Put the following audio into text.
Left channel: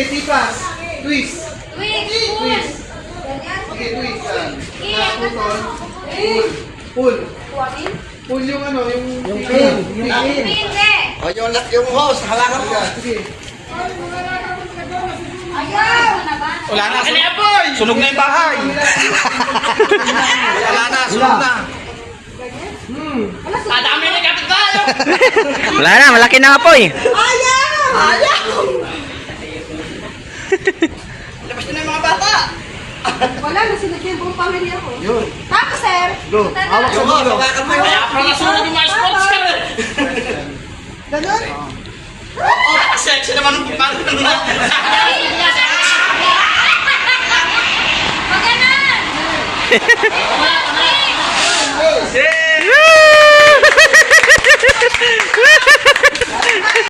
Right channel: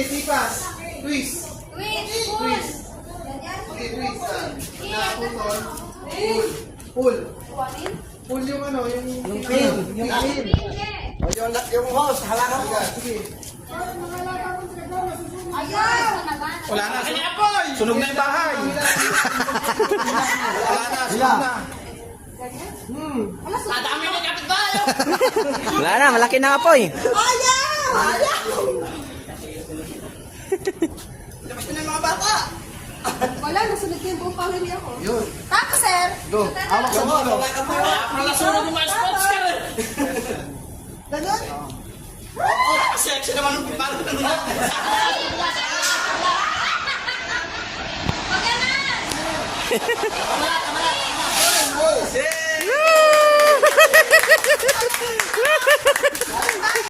Sige, tipas. Twist. Twist. Okay, twist. Putol. Pull. Pull yung ano, yung pin. Pin. O yung hose, hawakan mo. Sige. Wala na. Sunog na yung bahay. Wala na, sunog na. Adami na kapitbahay. Wala na, malaki na nga po eh. Labas na yung mga bata. Wala, nasunod yung buong pamilya ko. Yun. Tapos, sir. Go. Hawak sa dulo. Hawakan mo. Kaya pa nasunod yung mga sponsor. Ganun. Sexy naman ang pipang. Pag ganun. Yeah!